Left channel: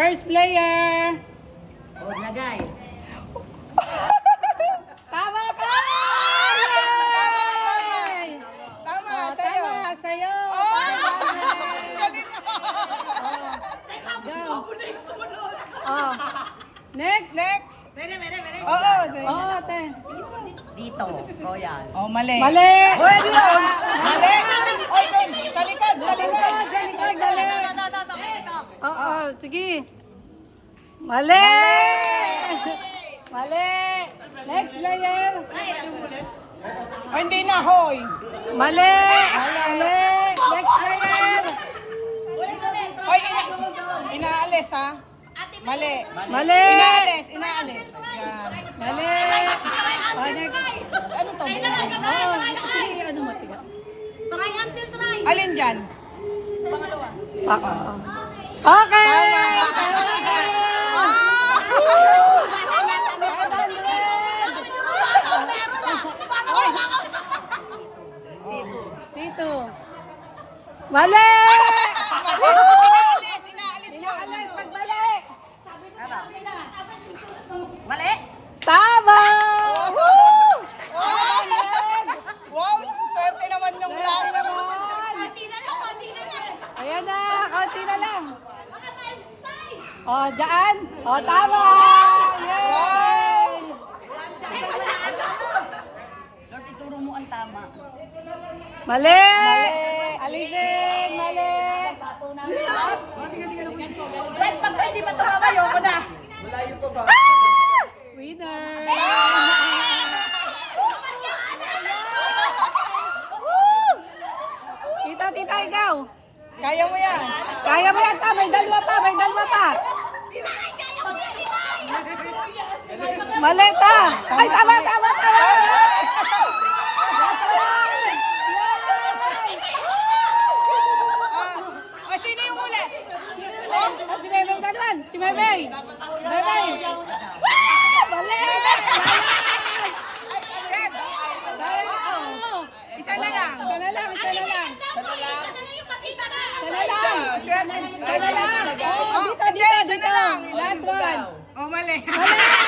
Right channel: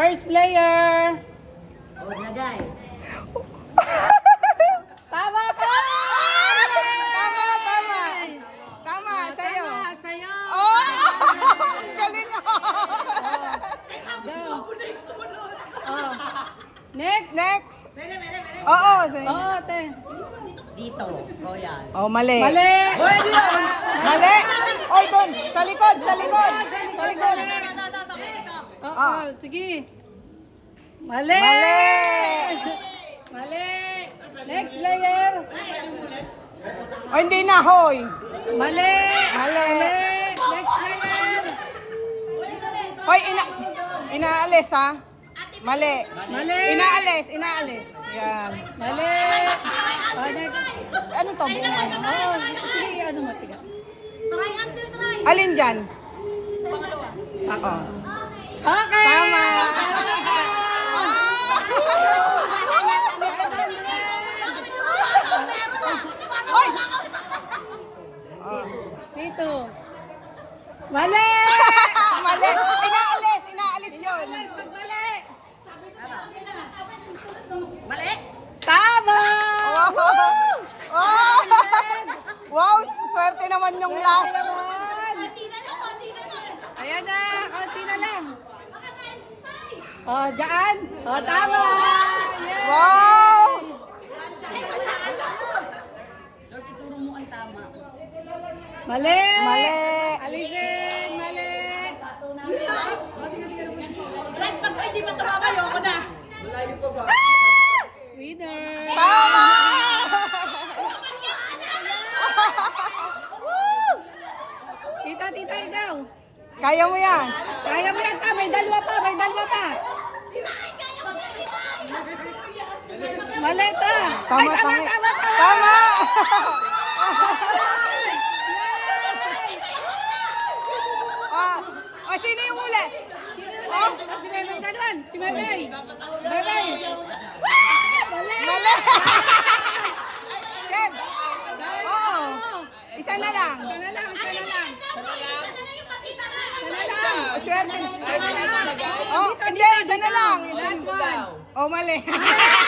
First player. Oh, nagay. Tama ka! Tama, Oh, sa'yo. tama, sa'yo. Galing mo. Go. Oh. Next. Next. Pwede. Oo, sa'yo. Oh, te. Dito, Royal. Oh, mali. Mali. Mali. Ay, doon. Sa likod, sa likod. Oo, sige. Mali. Mali. Next player. Ay, hindi na, hoy. Mali. Mali. Next player. Hoy, inaalis, ha? Mali. Mali. Inaalis. Yan. Mali. Oh, next. Ano to? Oo, sige, ano mo, tiga. Alin dyan? Okay. Sito. Mali! Inaalis yun. Inaalis, magbali! Mali? Tama! Wow, swerte naman yung last. Ayan na, konti na lang. Oh, dyan. Oh, tama! Yay! Wow! Lord, ituro mo ang tama. Mali! Alisin! Mali! Right, pag hindi pa tumama, ayoko na. Winner! Tita, tita, ikaw. Kaya mo yan. Kaya mo yan, ta. May dalawa pa, may dalawa pa. Mali, ta. Ay, tama, tama, tama. Sino yung uli? Si Bebe Dalwan. Si Bebe. Bebe. Mali. Ed, Oo. isa na lang. Isa na lang, isa na lang. Isa na lang. Isa na lang. Oh, Dito, hindi, dito, isa na dito. lang. Last one. Oh, mali. Mali.